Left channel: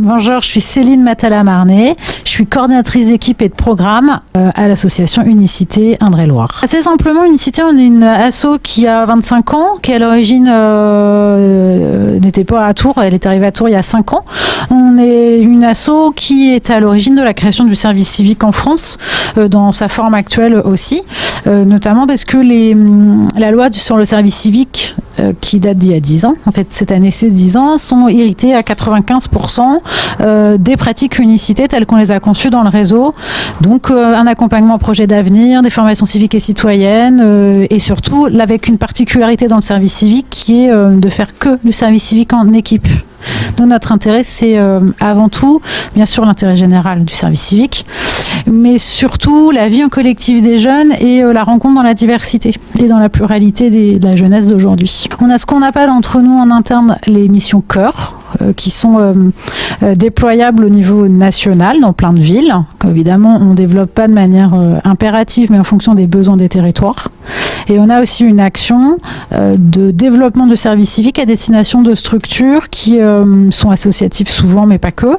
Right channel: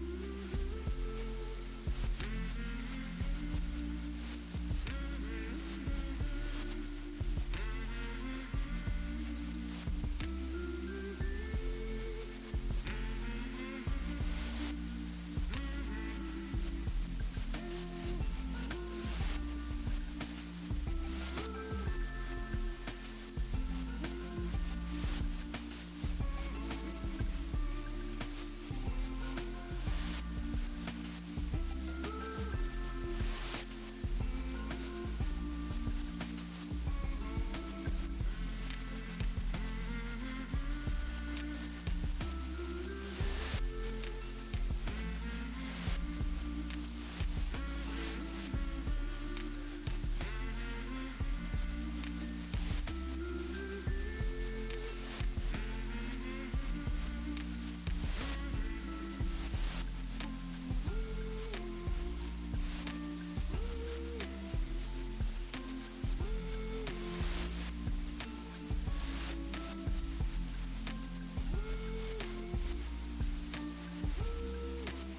Bonjour, je suis Céline Matala-Marnet. Je suis coordinatrice d'équipe et de programme à l'association Unicité Indre-et-Loire. Assez simplement, Unicité, on est une asso qui a 25 ans, qui à l'origine n'était pas à Tours, elle est arrivée à Tours il y a 5 ans. On est une asso qui est à l'origine de la création du service civique en France, dans sa forme actuelle aussi, notamment parce que la loi sur le service civique qui date d'il y a 10 ans, en fait cette année c'est 10 ans, sont héritées à 95% des pratiques Unicité telles qu'on les a conçues dans le réseau. Donc un accompagnement au projet d'avenir, des formations civiques et citoyennes et surtout avec une particularité dans le service civique qui est de faire que du service civique en équipe. Donc notre intérêt, c'est avant tout, bien sûr, l'intérêt général du service civique, mais surtout la vie en collectif des jeunes et la rencontre dans la diversité et dans la pluralité de la jeunesse d'aujourd'hui. On a ce qu'on appelle entre nous en interne les missions cœur, qui sont déployables au niveau national dans plein de villes. Évidemment, on ne développe pas de manière impérative, mais en fonction des besoins des territoires. Et on a aussi une action de développement de services civiques à destination de structures qui sont associatives souvent, mais pas que,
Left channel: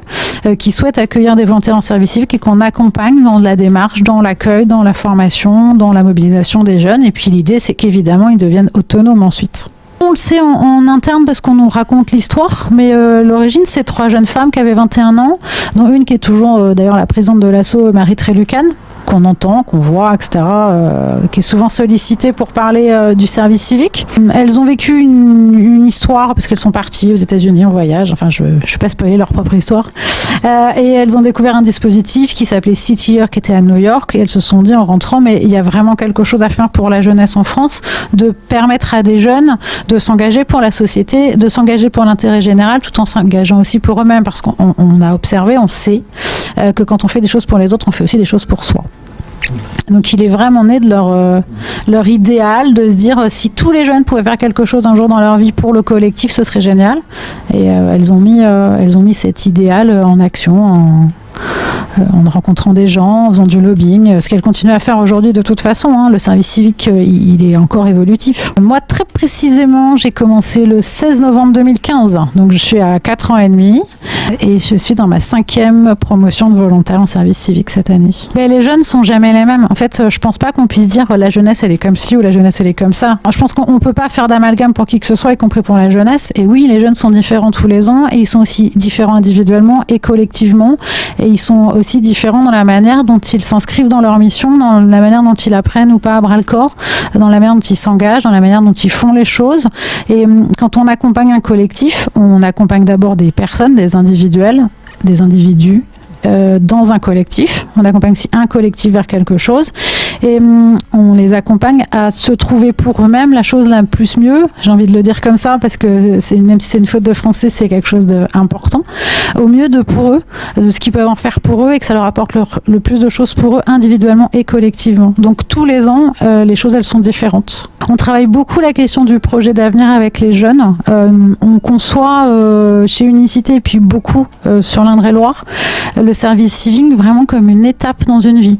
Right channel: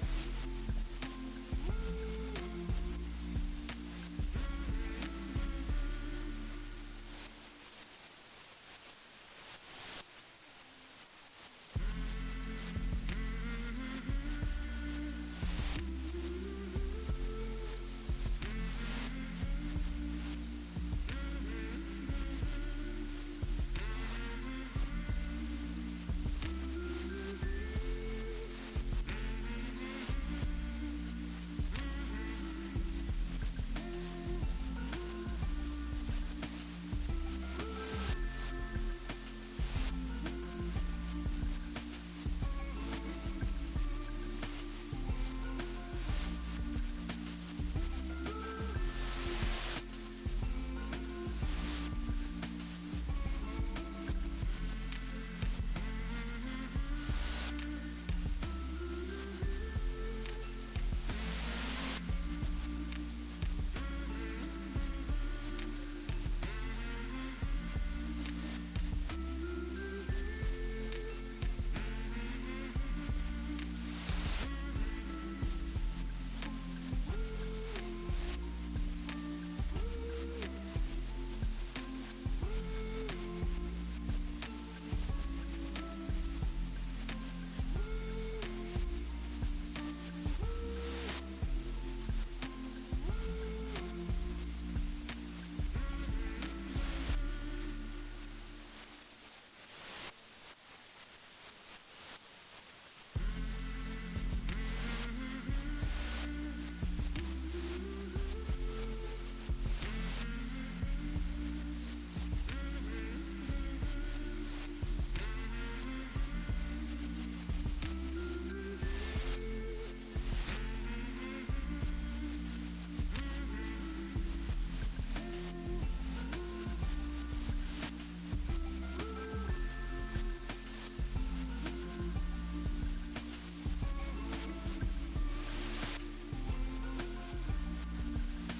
qui souhaitent accueillir des volontaires en service civique et qu'on accompagne dans la démarche, dans l'accueil, dans la formation, dans la mobilisation des jeunes. Et puis l'idée, c'est qu'évidemment, ils deviennent autonomes ensuite. On le sait en interne parce qu'on nous raconte l'histoire, mais l'origine, c'est 3 jeunes femmes qui avaient 21 ans, dont une qui est toujours d'ailleurs la présidente de l'asso, Marie Trélucan, qu'on entend, qu'on voit, etc., qui est souvent sollicitée pour parler du service civique. Elles ont vécu une histoire, parce qu'elles sont parties aux États-Unis en voyage, enfin je ne vais pas spoiler leur propre histoire, et elles ont découvert un dispositif qui s'appelait City Year, qui était à New York, et elles se sont dit en rentrant, mais il y a vraiment quelque chose à faire pour la jeunesse en France, de permettre à des jeunes de s'engager pour la société, de s'engager pour l'intérêt général, tout en s'engageant aussi pour eux-mêmes, parce qu'on a observé, on sait que quand on fait des choses pour les autres, on fait aussi des choses pour soi. Donc il est vraiment né de leur idéal de se dire si tous les jeunes pouvaient faire quelque chose un jour dans leur vie pour le collectif, ce serait génial. Et elles ont mis cet idéal en action en rencontrant des gens, en faisant du lobbying, ce qu'elle continue à faire aujourd'hui de toute façon. Le service civique, il est encore évolutif. Moi, très précisément, j'ai commencé le 16 novembre 2015, donc je suis à 4 ans et demi et je suis dans ma 5e promotion de volontaire en service civique cette année. Mais les jeunes sont jamais les mêmes. En fait, je pense pas qu'on puisse dire la jeunesse, elle est comme ci ou la jeunesse, elle est comme ça. Je pense qu'on peut pas faire d'amalgame pour qui que ce soit, y compris pour la jeunesse. Et oui, les jeunes sont différents tous les ans et ils sont aussi différents individuellement et collectivement. Et ils sont aussi différents dans la manière dont ils s'inscrivent dans leur mission, dans la manière dont ils apprennent ou pas à bras-le-corps, dans la manière dont ils s'engagent, dans la manière dont ils font les choses. Et quand on accompagne un collectif, on accompagne d'abord des personnes, des individuels, des individus, dans un collectif. On accompagne aussi un collectif vers quelque chose et on les accompagne à se trouver pour eux-mêmes la chose la plus mieux, j'ai envie de le dire comme ça parce que même si c'est une faute de français, c'est quelque chose d'important, au mieux pour eux, de ce qu'ils peuvent en faire pour eux et que ça leur apporte le plus de choses pour eux individuellement et collectivement. Donc tous les ans, les choses elles sont différentes. On travaille beaucoup la question du projet d'avenir avec les jeunes. On conçoit chez Unicité et puis beaucoup sur l'Indre-et-Loire le service civique vraiment comme une étape dans une vie.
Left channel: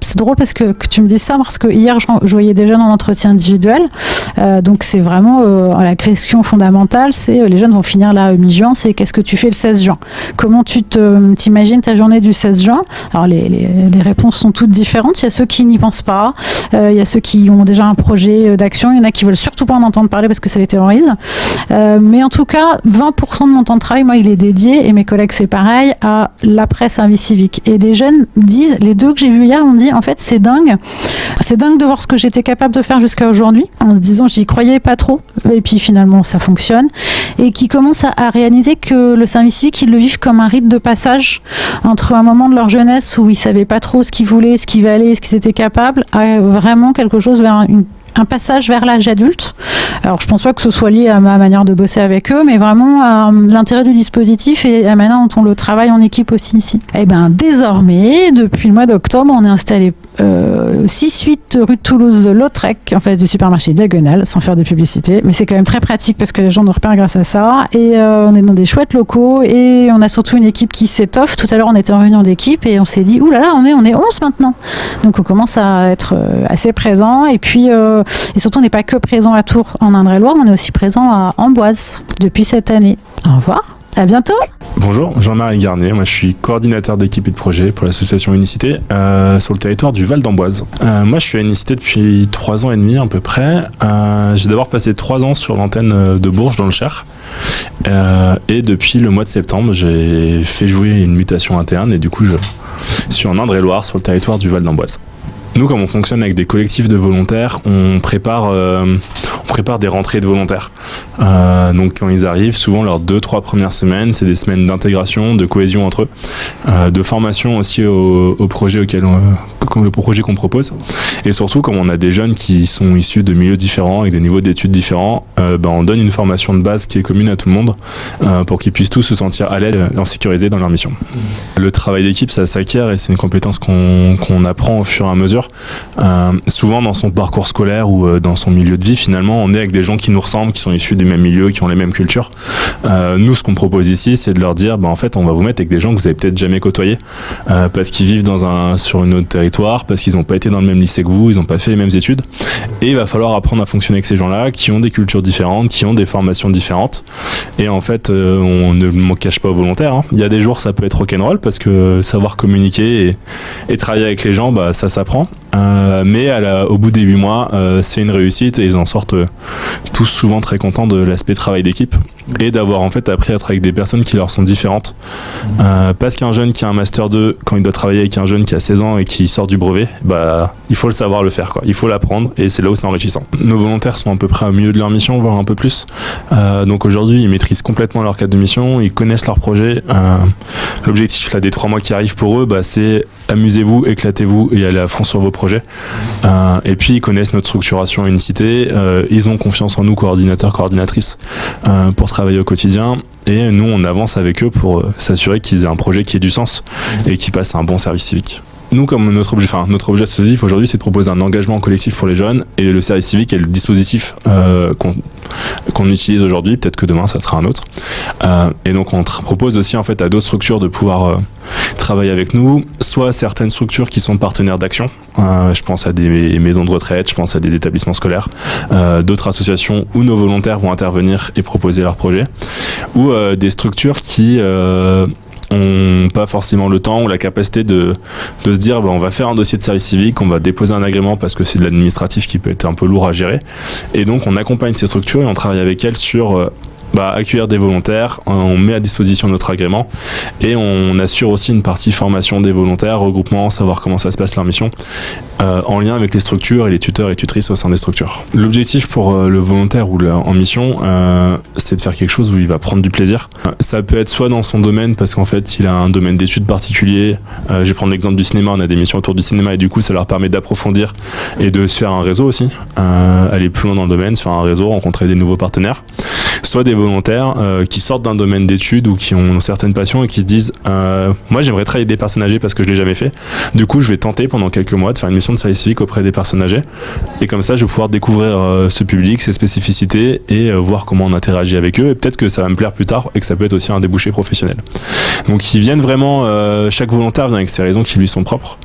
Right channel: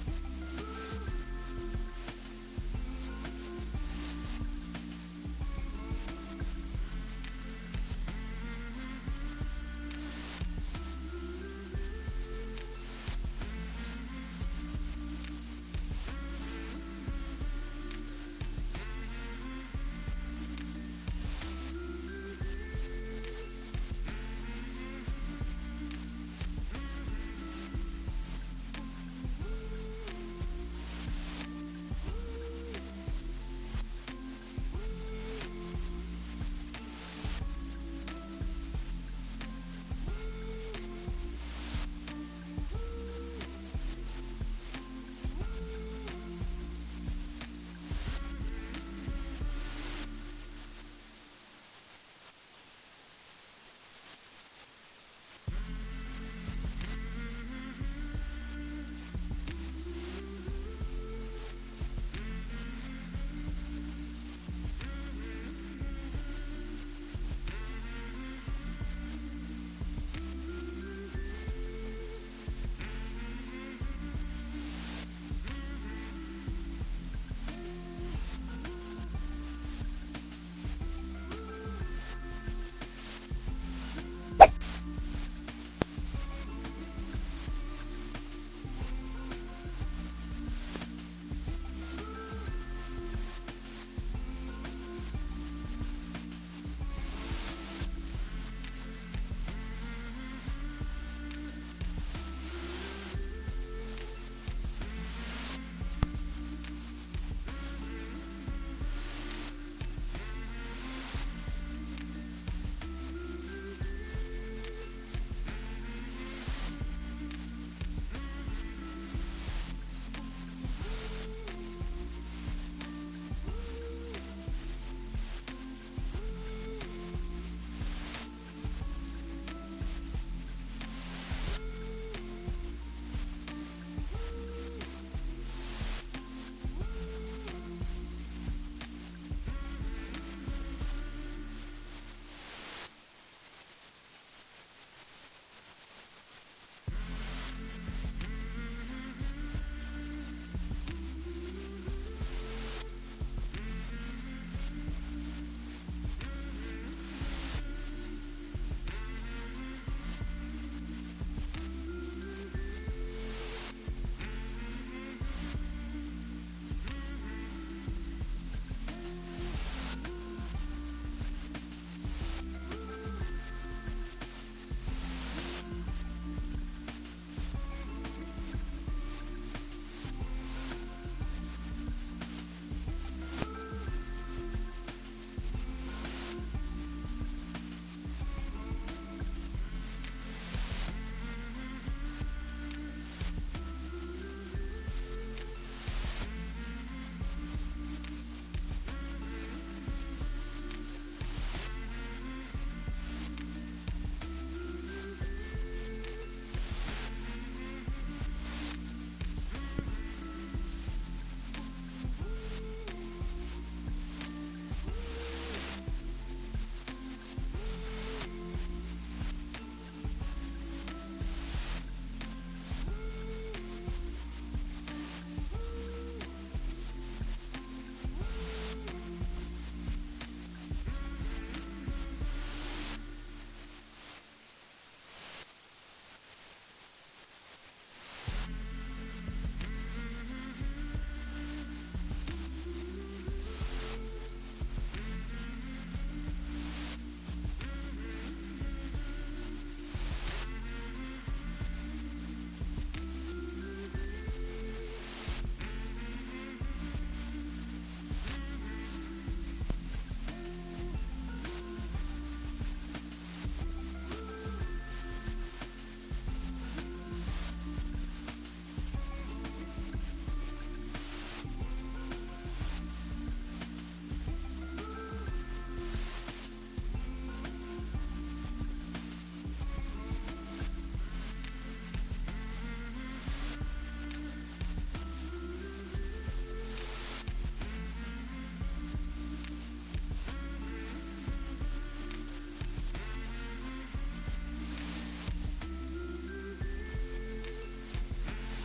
C'est drôle parce que tu me dis ça parce que hier je voyais des jeunes en entretien individuel. Donc c'est vraiment la question fondamentale, c'est les jeunes vont finir là mi-juin, c'est qu'est-ce que tu fais le 16 juin? Comment tu t'imagines ta journée du 16 juin? Alors les réponses sont toutes différentes. Il y a ceux qui n'y pensent pas, il y a ceux qui ont déjà un projet d'action, il y en a qui veulent surtout pas en entendre parler parce que ça les terrorise. Mais en tout cas, 20% de mon temps de travail, moi, il est dédié, et mes collègues c'est pareil, à l'après-service civique. Et des jeunes disent, les 2 que j'ai vus hier, on dit en fait c'est dingue de voir ce que j'étais capable de faire jusqu'à aujourd'hui, en se disant j'y croyais pas trop, et puis finalement ça fonctionne, et qui commencent à réaliser que le service civique, ils le vivent comme un rite de passage entre un moment de leur jeunesse où ils savaient pas trop ce qu'ils voulaient, ce qu'ils valaient, ce qu'ils étaient capables, à vraiment quelque chose vers un passage vers l'âge adulte. Alors je pense pas que ce soit lié à ma manière de bosser avec eux, mais vraiment à l'intérêt du dispositif et à la manière dont on le travaille en équipe aussi ici. Et bien désormais, depuis le mois d'octobre, on est installé 6-8 rue de Toulouse-Lautrec, en face du supermarché Diagonale, sans faire de publicité, mais c'est quand même très pratique parce que les gens nous repèrent grâce à ça, et on est dans des chouettes locaux et on a surtout une équipe qui s'étoffe. Tout à l'heure on était en réunion d'équipe et on s'est dit oulala, on est 11 maintenant, donc on commence à être assez présent, et puis et surtout on n'est pas que présent à Tours en Indre-et-Loire, on est aussi présent à Amboise depuis cette année. Au revoir, à bientôt. Bonjour, Jean-Marie Garnier, moi je suis coordinateur d'équipe et de projet pour l'association Unicité sur le territoire du Val d'Amboise. Moi je suis à Unicité depuis 3 ans et demi à peu près. J'ai d'abord passé 3 ans sur l'antenne de Bourges dans le Cher. Et depuis le mois de septembre, j'ai fait jouer une mutation interne et du coup je suis en Indre-et-Loire sur le territoire du Val d'Amboise. Nous, comme on fonctionne avec des collectifs de volontaires, on prépare des rentrées de volontaires. Donc quand ils arrivent, souvent leurs 2-3 premières semaines, c'est des semaines d'intégration, de cohésion entre eux, de formation aussi au projet le projet qu'on propose. Et surtout, comme on a des jeunes qui sont issus de milieux différents, avec des niveaux d'études différents, on donne une formation de base qui est commune à tout le monde pour qu'ils puissent tous se sentir à l'aise et en sécurisé dans leur mission. Le travail d'équipe, ça s'acquiert et c'est une compétence qu'on apprend au fur et à mesure. Souvent dans son parcours scolaire ou dans son milieu de vie, finalement on est avec des gens qui nous ressemblent, qui sont issus du même milieu, qui ont les mêmes cultures. Nous, ce qu'on propose ici, c'est de leur dire en fait on va vous mettre avec des gens que vous avez peut-être jamais côtoyés parce qu'ils vivent sur une autre territoire, parce qu'ils n'ont pas été dans le même lycée que vous, ils n'ont pas fait les mêmes études, et il va falloir apprendre à fonctionner avec ces gens-là qui ont des cultures différentes, qui ont des formations différentes. Et en fait on ne me cache pas aux volontaires, hein. Il y a des jours ça peut être rock'n'roll parce que savoir communiquer et travailler avec les gens, ça s'apprend. Mais au bout des 8 mois, c'est une réussite et ils en sortent tous souvent très contents de l'aspect travail d'équipe et d'avoir en fait appris à travailler avec des personnes qui leur sont différentes. Parce qu'un jeune qui a un Master 2, quand il doit travailler avec un jeune qui a 16 ans et qui sort du brevet, il faut le savoir le faire, quoi. Il faut l'apprendre et c'est là où c'est enrichissant. Nos volontaires sont à peu près au milieu de leur mission, voire un peu plus. Donc aujourd'hui, ils maîtrisent complètement leur cadre de mission, ils connaissent leur projet. L'objectif là, des 3 mois qui arrivent pour eux, c'est amusez-vous, éclatez-vous et allez à fond sur vos projets. Et puis ils connaissent notre structuration à Unicité, ils ont confiance en nous, coordinateurs, coordinatrices, pour travailler au quotidien. Et nous, on avance avec eux pour s'assurer qu'ils aient un projet qui ait du sens et qui passe un bon service civique. Nous, comme notre objet associatif aujourd'hui, c'est de proposer un engagement collectif pour les jeunes, et le service civique est le dispositif qu'on utilise aujourd'hui. Peut-être que demain, ça sera un autre. Et donc, on propose aussi en fait à d'autres structures de pouvoir travailler avec nous, soit certaines structures qui sont partenaires d'action. Je pense à des maisons de retraite, je pense à des établissements scolaires, d'autres associations où nos volontaires vont intervenir et proposer leurs projets, ou des structures qui ont pas forcément le temps ou la capacité de se dire on va faire un dossier de service civique, on va déposer un agrément parce que c'est de l'administratif qui peut être un peu lourd à gérer, et donc on accompagne ces structures et on travaille avec elles sur accueillir des volontaires, on met à disposition notre agrément et on assure aussi une partie formation des volontaires, regroupement, savoir comment ça se passe leur mission, en lien avec les structures et les tuteurs et tutrices au sein des structures. L'objectif pour le volontaire ou en mission, c'est de faire quelque chose où il va prendre du plaisir. Ça peut être soit dans son domaine parce qu'en fait il a un domaine d'études particulier. Je vais prendre l'exemple du cinéma, on a des missions autour du cinéma et du coup ça leur permet d'approfondir et de se faire un réseau aussi, aller plus loin dans le domaine, se faire un réseau, rencontrer des nouveaux partenaires. Soit des volontaires qui sortent d'un domaine d'études ou qui ont certaines passions et qui se disent moi j'aimerais travailler avec des personnes âgées parce que je l'ai jamais fait, du coup je vais tenter pendant quelques mois de faire une mission de service civique auprès des personnes âgées, et comme ça je vais pouvoir découvrir ce public, ses spécificités et voir comment on interagit avec eux, et peut-être que ça va me plaire plus tard et que ça peut être aussi un débouché professionnel. Donc ils viennent vraiment, chaque volontaire vient avec ses raisons qui lui sont propres,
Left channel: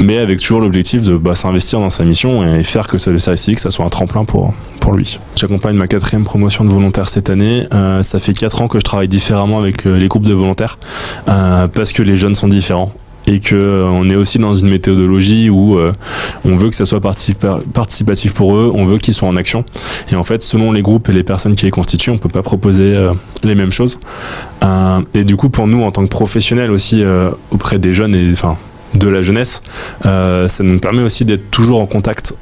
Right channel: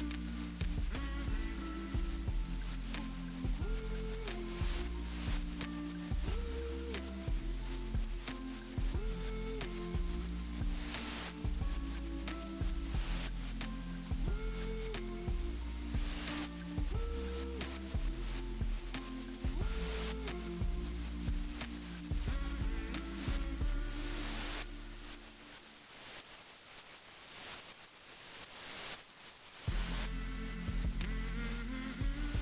mais avec toujours l'objectif de s'investir dans sa mission et faire que le service civique ça soit un tremplin pour lui. J'accompagne ma 4e promotion de volontaires cette année. Ça fait 4 ans que je travaille différemment avec les groupes de volontaires parce que les jeunes sont différents et qu'on est aussi dans une méthodologie où on veut que ça soit participatif pour eux, on veut qu'ils soient en action, et en fait selon les groupes et les personnes qui les constituent, on peut pas proposer les mêmes choses, et du coup pour nous en tant que professionnels aussi auprès des jeunes et de la jeunesse, ça nous permet aussi d'être toujours en contact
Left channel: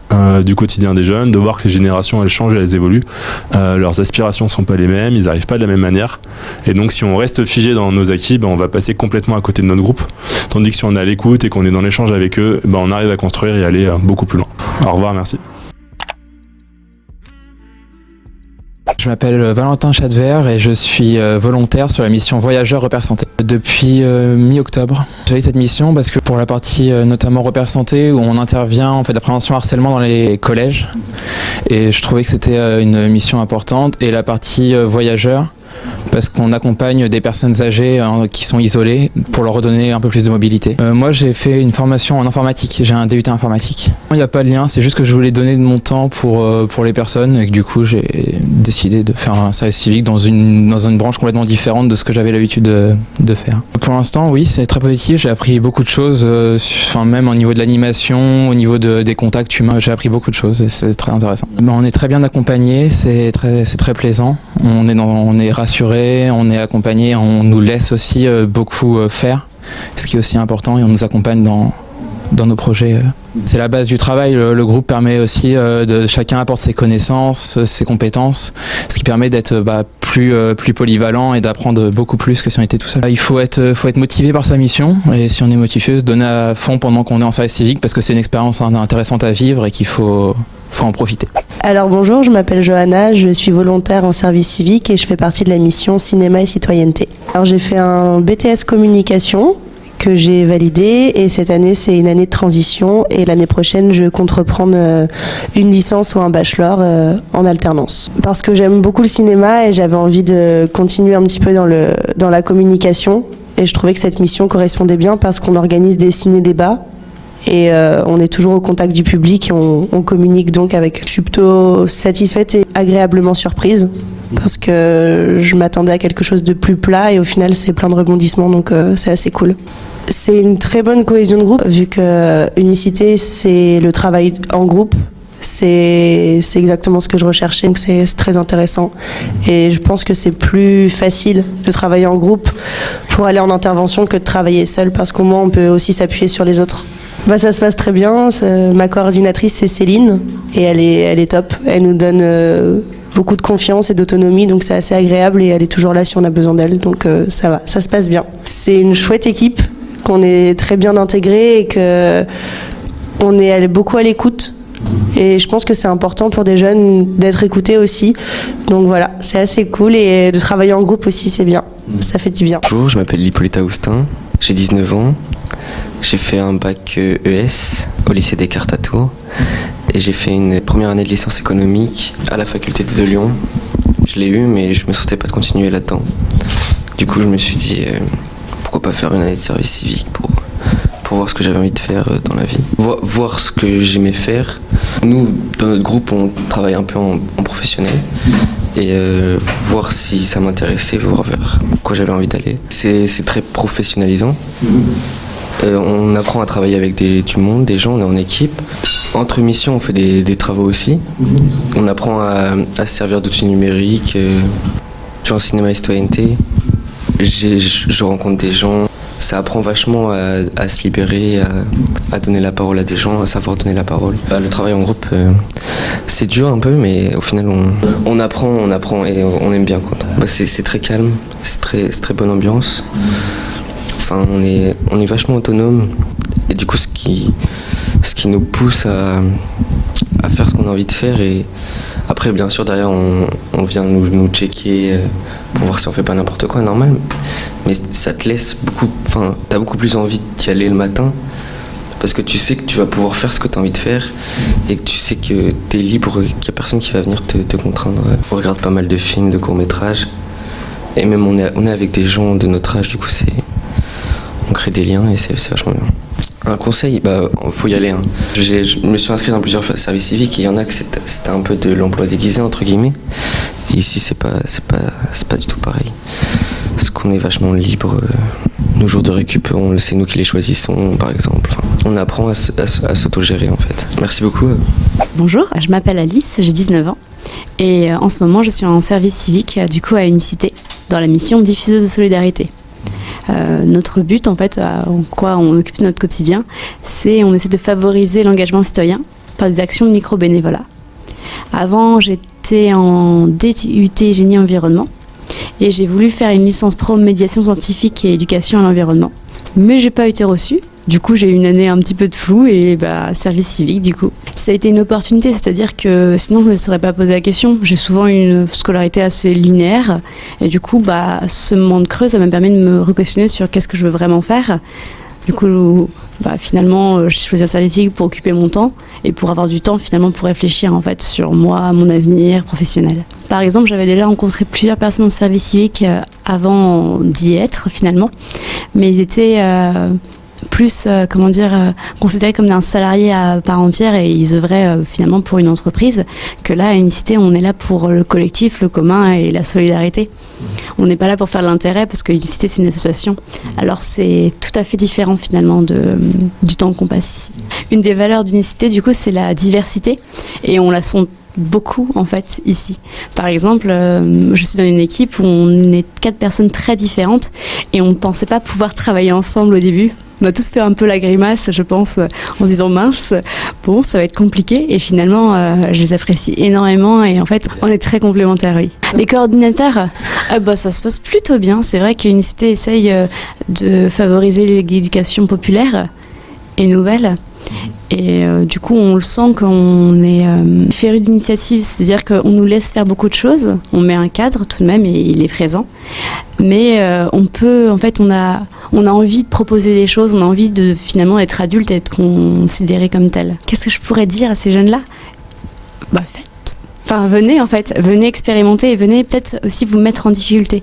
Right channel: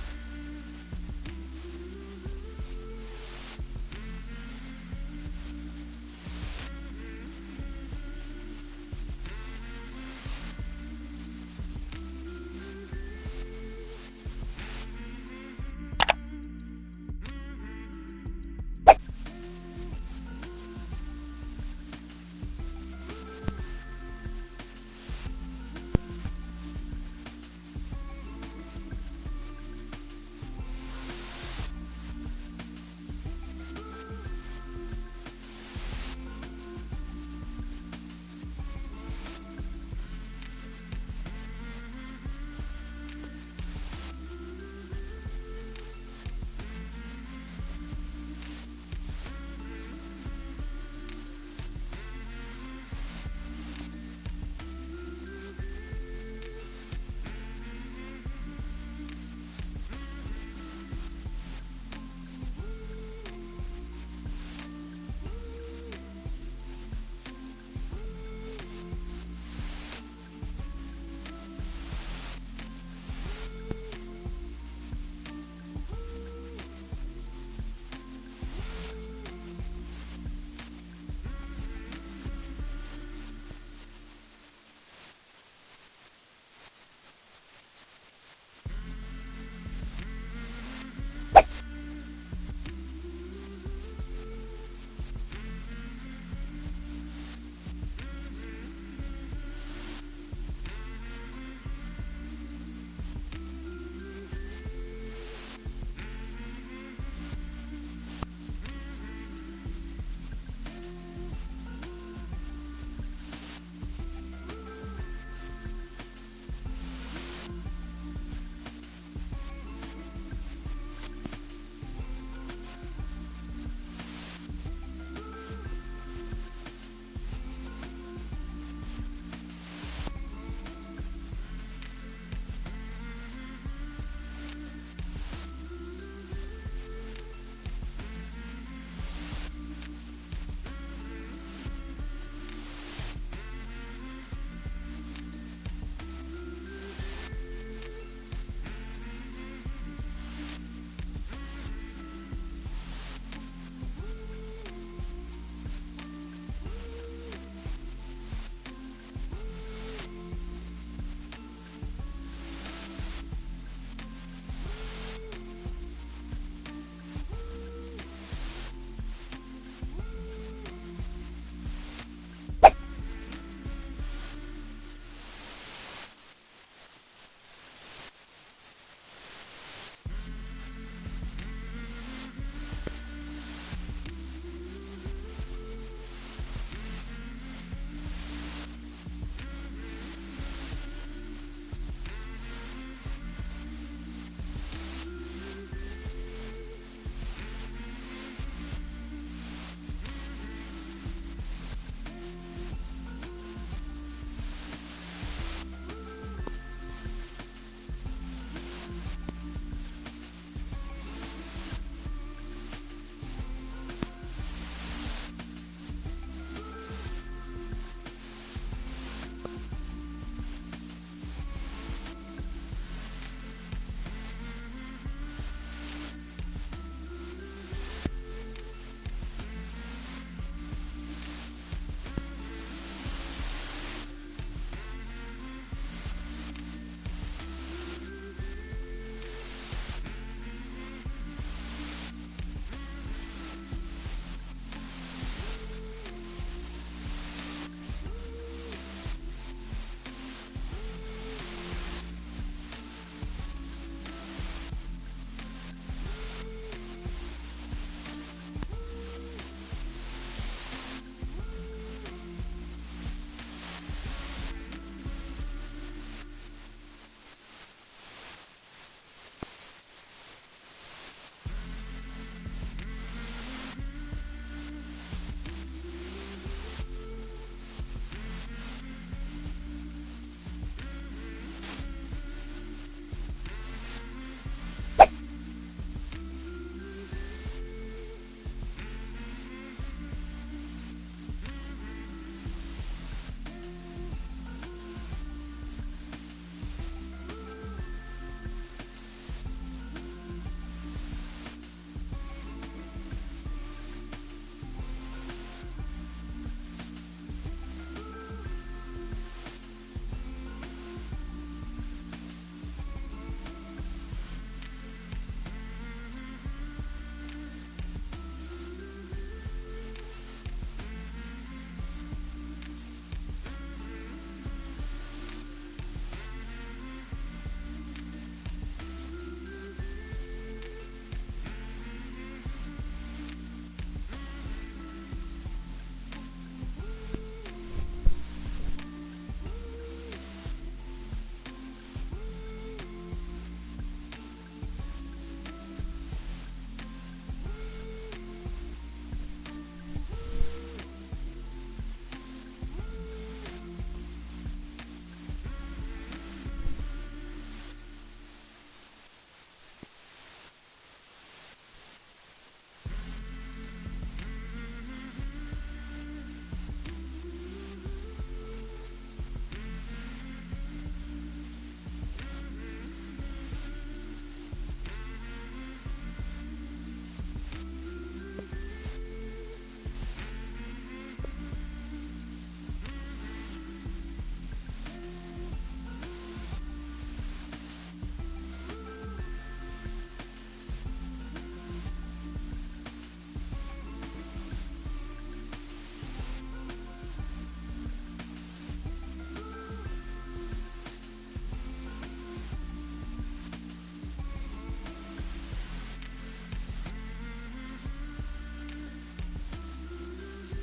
du quotidien des jeunes, de voir que les générations elles changent, elles évoluent, leurs aspirations sont pas les mêmes, ils n'arrivent pas de la même manière, et donc si on reste figé dans nos acquis, on va passer complètement à côté de notre groupe, tandis que si on est à l'écoute et qu'on est dans l'échange avec eux, on arrive à construire et aller beaucoup plus loin. Au revoir, merci. Je m'appelle Valentin Chadver et je suis volontaire sur la mission Voyageurs Repères Santé depuis mi-octobre. J'ai eu cette mission parce que pour la partie notamment Repères Santé, où on intervient en fait la prévention harcèlement dans les collèges, et je trouvais que c'était une mission importante, et la partie Voyageurs parce qu'on accompagne des personnes âgées qui sont isolées pour leur redonner un peu plus de mobilité. Moi, j'ai fait une formation en informatique, j'ai un DUT informatique. Il n'y a pas de lien, c'est juste que je voulais donner de mon temps pour les personnes et que du coup, j'ai décidé de faire un service civique dans une branche complètement différente de ce que j'avais l'habitude de faire. Pour l'instant, oui, c'est très positif, j'ai appris beaucoup de choses, même au niveau de l'animation, au niveau des contacts humains, j'ai appris beaucoup de choses et c'est très intéressant. On est très bien accompagné, c'est très plaisant, on est rassuré, on est accompagné, on nous laisse aussi beaucoup faire, ce qui est aussi important, et on nous accompagne dans nos projets. C'est la base du travail, le groupe permet aussi de chacun apporte ses connaissances, ses compétences, ce qui permet d'être plus polyvalent et d'apprendre beaucoup plus que si on était tout seul. Il faut être motivé par sa mission, et si on est motivé, se donner à fond pendant qu'on est en service civique, parce que c'est une expérience intéressante à vivre et qu'il faut en profiter. Alors bonjour, je m'appelle Johanna, je suis volontaire en service civique et je fais partie de la mission Cinéma et Citoyenneté. Alors j'ai fait un BTS Communication que j'ai validé, et cette année c'est une année de transition, et l'année prochaine je compte reprendre une licence ou un bachelor en alternance. Parce que j'aime beaucoup le cinéma et j'avais envie de continuer un petit peu dans la communication, et je trouvais que cette mission correspondait bien parce qu'on organise des ciné-débats et on est toujours au contact du public et on communique donc avec. Je suis plutôt satisfaite et agréablement surprise parce que je m'attendais à quelque chose de plus plat et au final c'est plein de rebondissements, donc c'est assez cool. C'est une très bonne cohésion de groupe vu que Unicité c'est le travail en groupe. C'est exactement ce que je recherchais, donc c'est très intéressant. Et je pense que c'est plus facile de travailler en groupe pour aller en intervention que de travailler seul, parce qu'au moins on peut aussi s'appuyer sur les autres. Ça se passe très bien. Ma coordinatrice c'est Céline et elle est top. Elle nous donne beaucoup de confiance et d'autonomie, donc c'est assez agréable, et elle est toujours là si on a besoin d'elle, donc ça va, ça se passe bien. C'est une chouette équipe, qu'on est très bien intégrée et qu'on est beaucoup à l'écoute. Et je pense que c'est important pour des jeunes d'être écoutés aussi. Donc voilà, c'est assez cool, et de travailler en groupe aussi, c'est bien. Ça fait du bien. Bonjour, je m'appelle Hippolyta Houstin, j'ai 19 ans. J'ai fait un bac ES au lycée Descartes à Tours. Et j'ai fait une première année de licence économique à la faculté de Lyon. Je l'ai eu, mais je me sentais pas de continuer là-dedans. Du coup, je me suis dit, pourquoi pas faire une année de service civique pour voir ce que j'avais envie de faire dans la vie. Voir ce que j'aimais faire. Nous, dans notre groupe, on travaille un peu en professionnel. Et voir si ça m'intéressait, voir vers quoi j'avais envie d'aller. C'est très professionnalisant. On apprend à travailler avec du monde, des gens, on est en équipe. Entre missions, on fait des travaux aussi. On apprend à se servir d'outils numériques. En cinéma et citoyenneté, je rencontre des gens. Ça apprend vachement à se libérer, à donner la parole à des gens, à savoir donner la parole. Le travail en groupe, c'est dur un peu, mais au final, on apprend et on aime bien. C'est très calme, c'est très bonne ambiance. Enfin, on est vachement autonome, et du coup ce qui nous pousse à faire ce qu'on a envie de faire. Et après, bien sûr, derrière on vient nous checker pour voir si on fait pas n'importe quoi, normal, mais ça te laisse t'as beaucoup plus envie d'y aller le matin, parce que tu sais que tu vas pouvoir faire ce que tu as envie de faire, et que tu sais que tu es libre, qu'il n'y a personne qui va venir te contraindre. On regarde pas mal de films, de courts-métrages, et même on est avec des gens de notre âge, du coup on crée des liens et c'est vachement bien. Un conseil, faut y aller. Je me suis inscrit dans plusieurs services civiques, et il y en a que c'était un peu de l'emploi déguisé entre guillemets. Et ici c'est pas du tout pareil. Parce qu'on est vachement libre. Nos jours de récup, c'est nous qui les choisissons par exemple. On apprend à s'autogérer en fait. Merci beaucoup. Bonjour, je m'appelle Alice, j'ai 19 ans. Et en ce moment je suis en service civique du coup à Unicité, dans la mission diffuseuse de solidarité. Notre but, en fait, en quoi on occupe notre quotidien, on essaie de favoriser l'engagement citoyen par des actions de micro-bénévolat. Avant, j'étais en DUT génie environnement et j'ai voulu faire une licence pro médiation scientifique et éducation à l'environnement. Mais j'ai pas été reçue. Du coup, j'ai eu une année un petit peu de flou et service civique du coup. Ça a été une opportunité, c'est-à-dire que sinon je ne me serais pas posé la question. J'ai souvent une scolarité assez linéaire et du coup, ce moment de creux, ça m'a permis de me re-questionner sur qu'est-ce que je veux vraiment faire. Du coup, finalement, j'ai choisi un service civique pour occuper mon temps et pour avoir du temps finalement pour réfléchir en fait sur moi, mon avenir professionnel. Par exemple, j'avais déjà rencontré plusieurs personnes en service civique avant d'y être finalement, mais ils étaient plus considérés comme un salarié à part entière et ils œuvraient finalement pour une entreprise, que là à Unicité on est là pour le collectif, le commun et la solidarité. On n'est pas là pour faire de l'intérêt parce que Unicité c'est une association, alors c'est tout à fait différent finalement du temps qu'on passe ici. Une des valeurs d'Unicité du coup c'est la diversité et on la sent beaucoup en fait ici. Par exemple, je suis dans une équipe où on est 4 personnes très différentes et on ne pensait pas pouvoir travailler ensemble au début. On a tous fait un peu la grimace, je pense, en se disant mince, bon, ça va être compliqué. Et finalement, je les apprécie énormément et en fait, on est très complémentaires, oui. Les coordinateurs, ça se passe plutôt bien. C'est vrai qu'Unicité essaye de favoriser l'éducation populaire et nouvelle. Et du coup, on le sent qu'on est féru d'initiative, c'est-à-dire qu'on nous laisse faire beaucoup de choses. On met un cadre tout de même et il est présent. Mais on a envie de proposer des choses, on a envie de finalement être adulte et être considéré comme tel. Qu'est-ce que je pourrais dire à ces jeunes-là ? Faites. Venez expérimenter et venez peut-être aussi vous mettre en difficulté.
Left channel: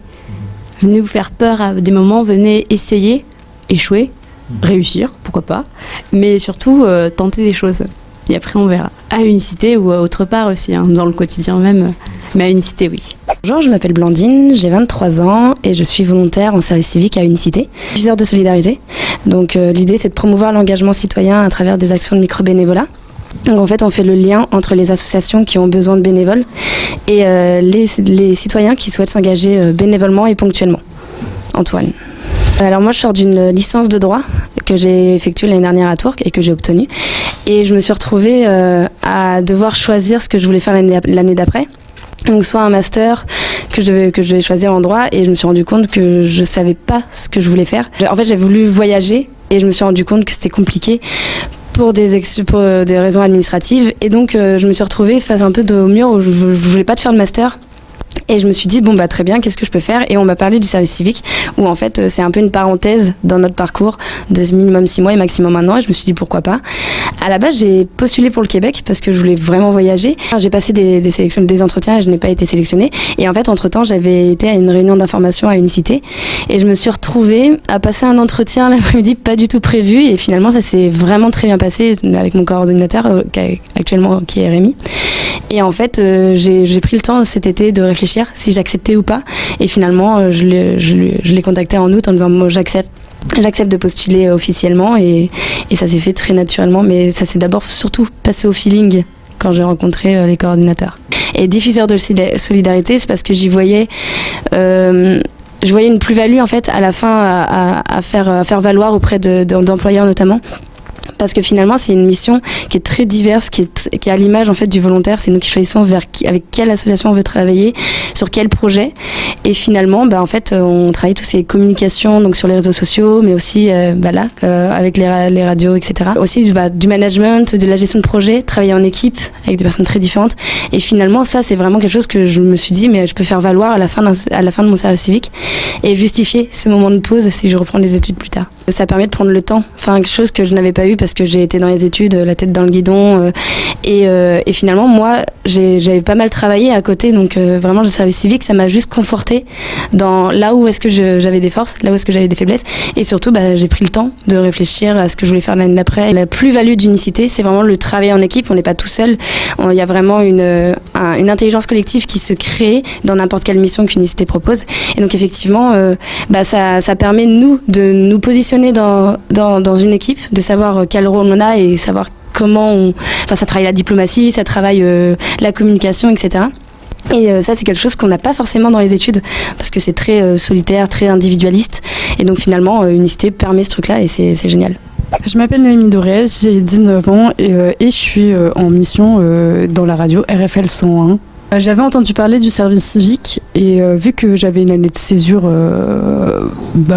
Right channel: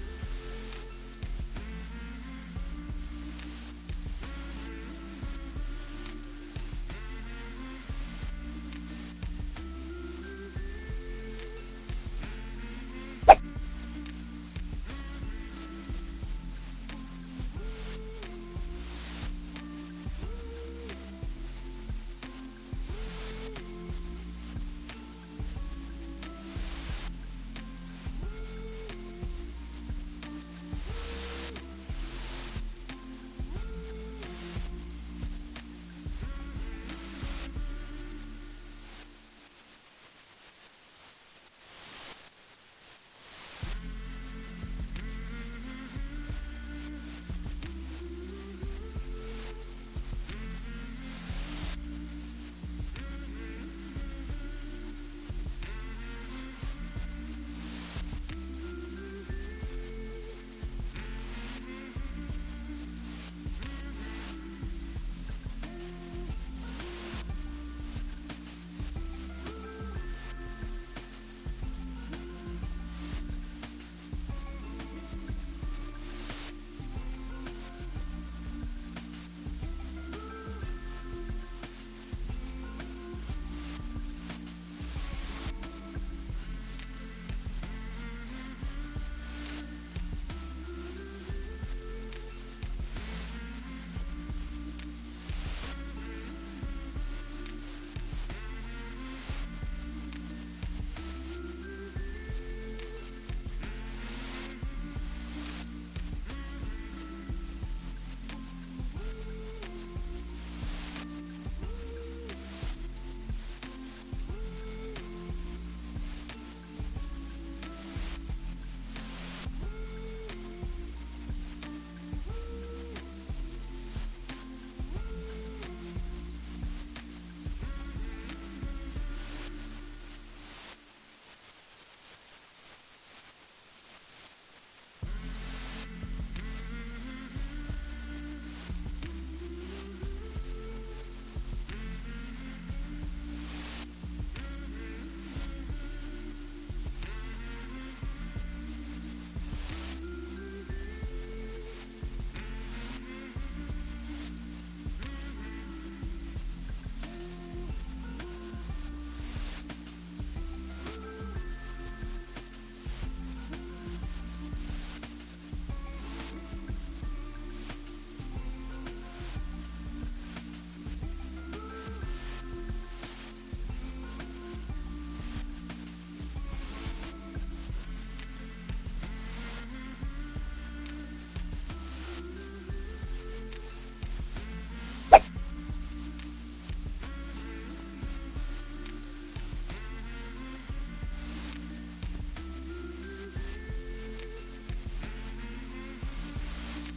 Venez vous faire peur à des moments, venez essayer, échouer. Réussir, pourquoi pas, mais surtout tenter des choses. Et après on verra. À Unicité ou autre part aussi, dans le quotidien même, mais à Unicité oui. Bonjour, je m'appelle Blandine, j'ai 23 ans et je suis volontaire en service civique à Unicité, diffuseur de solidarité. Donc l'idée c'est de promouvoir l'engagement citoyen à travers des actions de micro-bénévolat. Donc en fait on fait le lien entre les associations qui ont besoin de bénévoles et les citoyens qui souhaitent s'engager bénévolement et ponctuellement. Antoine. Alors moi je sors d'une licence de droit que j'ai effectuée l'année dernière à Tours et que j'ai obtenue. Et je me suis retrouvée à devoir choisir ce que je voulais faire l'année d'après. Donc soit un master que je devais choisir en droit et je me suis rendu compte que je savais pas ce que je voulais faire. En fait j'ai voulu voyager et je me suis rendu compte que c'était compliqué pour des raisons administratives. Et donc je me suis retrouvée face un peu au mur où je voulais pas faire de master. Et je me suis dit, très bien, qu'est-ce que je peux faire ? Et on m'a parlé du service civique, où en fait, c'est un peu une parenthèse dans notre parcours de minimum 6 mois et maximum 1 an. Et je me suis dit, pourquoi pas ? À la base, j'ai postulé pour le Québec parce que je voulais vraiment voyager. J'ai passé des sélections, des entretiens et je n'ai pas été sélectionnée. Et en fait, entre-temps, j'avais été à une réunion d'information à Unicité. Et je me suis retrouvée à passer un entretien l'après-midi pas du tout prévu. Et finalement, ça s'est vraiment très bien passé avec mon coordinateur, qui est Rémi. Et en fait, j'ai pris le temps cet été de réfléchir si j'acceptais ou pas. Et finalement, je l'ai contacté en août en disant moi, j'accepte de postuler officiellement. Et ça s'est fait très naturellement. Mais ça s'est d'abord surtout passé au feeling quand j'ai rencontré les coordinateurs. Et diffuseur de solidarité, c'est parce que j'y voyais... je voyais une plus-value en fait à la fin à faire valoir auprès d'employeurs notamment. Parce que finalement, c'est une mission qui est très diverse, qui est à l'image en fait du volontaire. C'est nous qui choisissons avec quelle association on veut travailler, sur quel projet. Et finalement, en fait, on travaille toutes ces communications donc sur les réseaux sociaux, mais aussi avec les radios, etc. Aussi du management, de la gestion de projet, travailler en équipe avec des personnes très différentes. Et finalement, ça, c'est vraiment quelque chose que je me suis dit, mais je peux faire valoir à la fin de mon service civique et justifier ce moment de pause si je reprends les études plus tard. Ça permet de prendre le temps, quelque chose que je n'avais pas eu parce que j'ai été dans les études, la tête dans le guidon. Et finalement, moi, j'avais pas mal travaillé à côté. Donc vraiment, le service civique, ça m'a juste conforté dans là où est-ce que j'avais des forces, là où est-ce que j'avais des faiblesses. Et surtout, j'ai pris le temps de réfléchir à ce que je voulais faire l'année d'après. La plus-value d'Unicité, c'est vraiment le travail en équipe. On n'est pas tout seul. Il y a vraiment une intelligence collective qui se crée dans n'importe quelle mission qu'Unicité propose. Et donc effectivement, ça permet de nous positionner dans une équipe, de savoir quel rôle on a et savoir comment ça travaille la diplomatie, ça travaille la communication, etc. Et ça, c'est quelque chose qu'on n'a pas forcément dans les études parce que c'est très solitaire, très individualiste. Et donc finalement, Unicité permet ce truc-là et c'est génial. Je m'appelle Noémie Dorez, j'ai 19 ans et je suis en mission dans la radio RFL 101. J'avais entendu parler du service civique et vu que j'avais une année de césure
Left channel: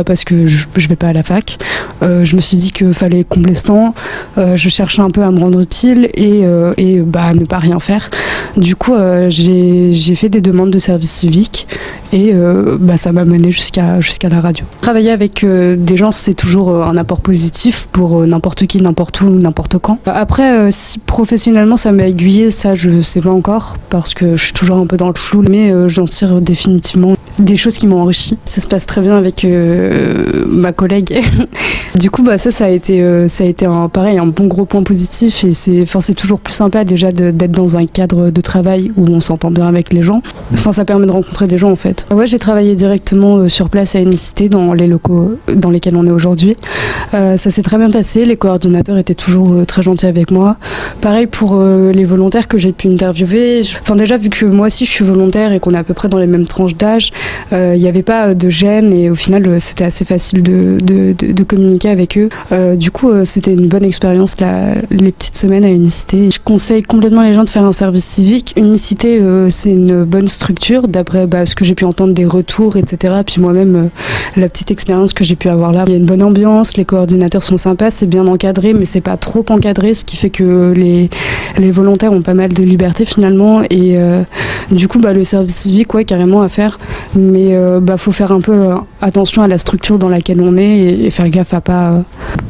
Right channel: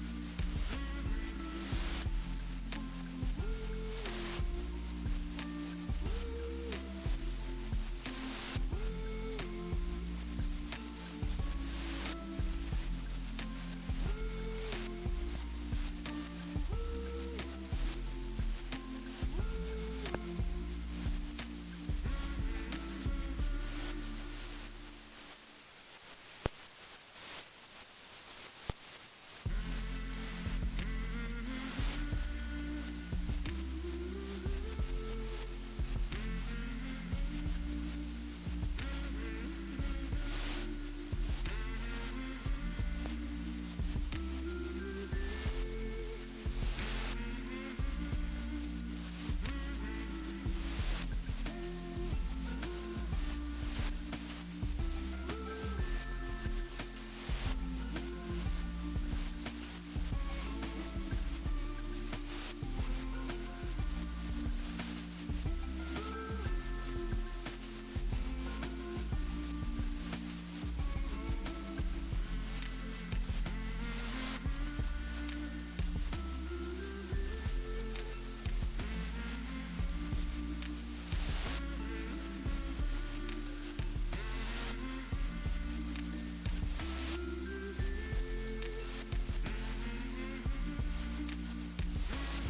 parce que je vais pas à la fac, je me suis dit qu'il fallait combler ce temps. Je cherchais un peu à me rendre utile et ne pas rien faire. Du coup, j'ai fait des demandes de service civique Et ça m'a mené jusqu'à la radio. Travailler avec des gens, c'est toujours un apport positif pour n'importe qui, n'importe où, n'importe quand. Après, si professionnellement ça m'a aiguillée, ça je sais pas encore, parce que je suis toujours un peu dans le flou, mais j'en tire définitivement des choses qui m'ont enrichi. Ça se passe très bien avec ma collègue. Du coup, ça a été un bon gros point positif, et c'est toujours plus sympa déjà d'être dans un cadre de travail où on s'entend bien avec les gens. Enfin, ça permet de rencontrer des gens en fait. Ouais, j'ai travaillé directement sur place à Unicité, dans les locaux dans lesquels on est aujourd'hui. Ça s'est très bien passé, les coordinateurs étaient toujours très gentils avec moi. Pareil pour les volontaires que j'ai pu interviewer. Enfin, déjà, vu que moi aussi je suis volontaire et qu'on est à peu près dans les mêmes tranches d'âge, il n'y avait pas de gêne, et au final c'était assez facile de communiquer avec eux. Du coup, c'était une bonne expérience les petites semaines à Unicité. Je conseille complètement les gens de faire un service civique. Unicité, c'est une bonne structure, d'après ce que j'ai pu entendre des retours, etc. Puis moi-même, la petite expérience que j'ai pu avoir là. Il y a une bonne ambiance, les coordinateurs sont sympas, c'est bien encadré, mais c'est pas trop encadré, ce qui fait que les volontaires ont pas mal de liberté finalement. Et du coup, le service civique, ouais, carrément à faire. Mais faut faire un peu attention à la structure dans laquelle on est, et faire gaffe à pas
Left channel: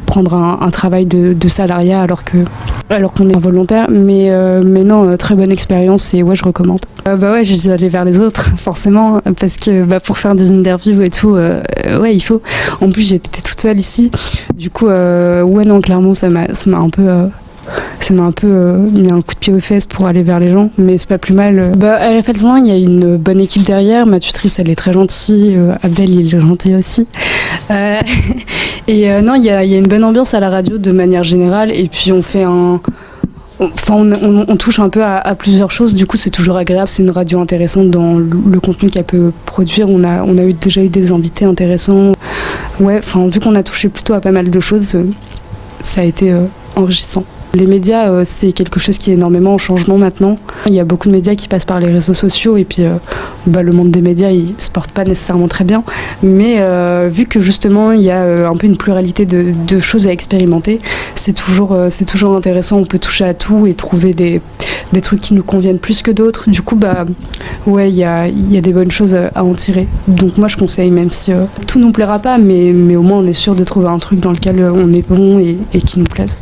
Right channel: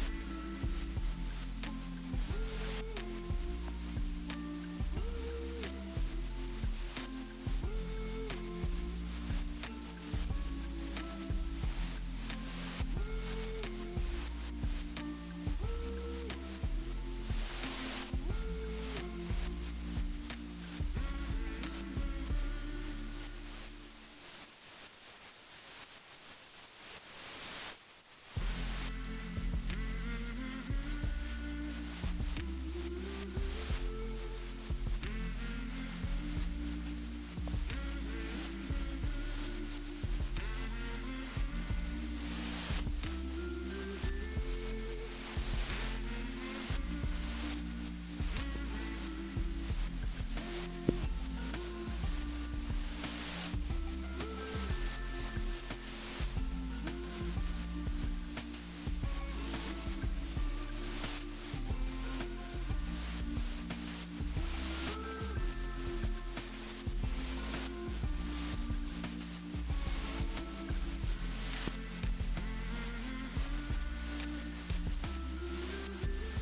prendre un travail de salariat alors qu'on est volontaire. Mais non, très bonne expérience, et ouais, je recommande. Ouais, je suis allée vers les autres, forcément, parce que pour faire des interviews et tout, ouais, il faut. En plus, j'étais toute seule ici. Du coup, ouais, non, clairement, ça m'a un peu... Ça m'a un peu mis un coup de pied aux fesses pour aller vers les gens, mais c'est pas plus mal. À RFL 101, il y a une bonne équipe derrière. Ma tutrice, elle est très gentille. Abdel, il est gentil aussi. Et non, il y a une bonne ambiance à la radio de manière générale. Et puis on fait on touche un peu à plusieurs choses. Du coup, c'est toujours agréable. C'est une radio intéressante dans le contenu qu'elle peut produire. On a déjà eu des invités intéressants. Ouais, vu qu'on a touché plutôt à pas mal de choses, ça a été enrichissant. Les médias, c'est quelque chose qui est énormément en changement maintenant. Il y a beaucoup de médias qui passent par les réseaux sociaux, et puis le monde des médias, il se porte pas nécessairement très bien. Mais vu que justement, il y a un peu une pluralité de choses à expérimenter, c'est toujours intéressant. On peut toucher à tout et trouver des trucs qui nous conviennent plus que d'autres. Du coup, ouais, il y a des bonnes choses à en tirer. Donc moi, je conseille, même si tout nous plaira pas, mais au moins on est sûr de trouver un truc dans lequel on est bon et qui nous plaise.